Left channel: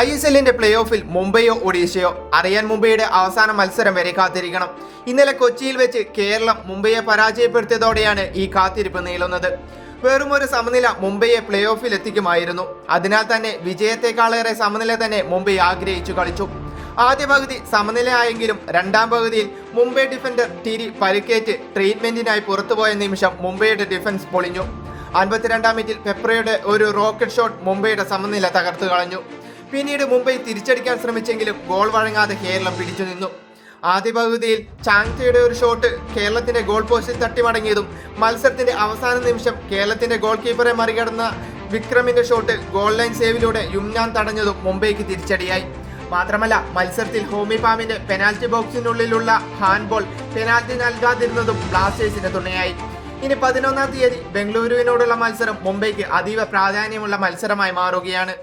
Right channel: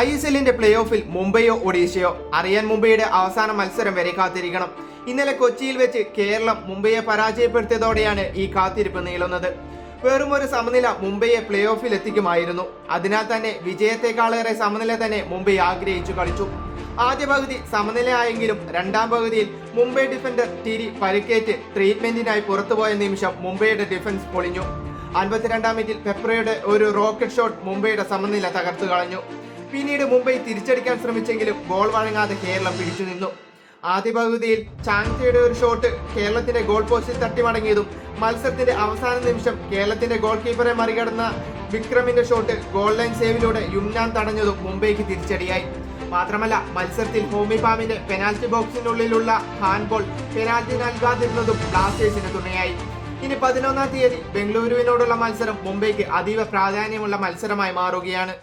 ISLന്റെ play ഓഫിൽ മുംബൈയോ ഒഡീഷയോ അറിയാൻ മുംബൈയുടെ അവസാന മത്സരം വരെ കാത്തിരിക്കണം. ഇന്നലെ കൊച്ചിയിൽ വെച്ച് കേരളം മുംബൈയെ പരാജയപ്പെടുത്തിയതോടെയാണ് ഈ കാത്തിരിപ്പ് നീളുന്നത്. വെറും ഒരു സമനില മുംബൈയെ പ്ലേ ഓഫിൽ എത്തിക്കുമായിരുന്നു. അതിനാൽ തന്നെ വിജയത്തെക്കാളേറെ സമനില തന്നെ മുംബൈ ആഗ്രഹിച്ചു കളിച്ചു. ആദ്യ പകുതി സമനിലയായെങ്കിലും രണ്ടാം പകുതിയിൽ മുംബൈ ഡിഫൻഡർ ടിരി പരിക്കേറ്റ് ട്രീറ്റ്മെന്റിനായി പുറത്തുപോയ നിമിഷം മുംബൈയുടെ ഡിഫൻസ് പൊളിഞ്ഞു. 52-ാം മിനിറ്റിൽ പെപ്രയുടെ ഒരു റോക്കറ്റ് ഷോട്ട് മുംബൈയുടെ സമനില തകർത്തു കളഞ്ഞു. പിന്നീട് മുംബൈ തിരിച്ചടിക്കാൻ ശ്രമിച്ചെങ്കിലും ഗോൾ വഴങ്ങാതെ കേരളം പിടിച്ചു നിന്നു. ആദ്യ പകുതിയിൽ ചാങ്തയുടെ ഒരു ഷോട്ട് കേരളത്തിന്റെ ഗോൾ പോസ്റ്റിൽ തട്ടി മടങ്ങിയതും മത്സരത്തിന്റെ അവസാന നിമിഷം കേരളത്തിന്റെ ഗോൾ കീപ്പറെ മറികടന്ന വിക്രമിന്റെ ഷോട്ട് ഗോൾ ലൈൻ സേവിലൂടെ യുംനാൻ തടഞ്ഞതും മുംബൈക്ക് തിരിച്ചടിയായി. മാത്രമല്ല മത്സരത്തിൽ ഹോമി പാമിന്റെ പെനാൽറ്റി ബോക്സിനുള്ളിലുള്ള ഹാൻഡ്ബോൾ പെനാൽറ്റി നൽകാതിരുന്നതും ബ്ലാസ്റ്റേഴ്സിന് തുണയായി. ഇനി 11-ാം തീയതി ബംഗളൂരുവിനോടുള്ള മത്സരം മുംബൈക്ക് അതീവ പ്രാധാന്യമുള്ള മത്സരമായി മാറുകയാണ്.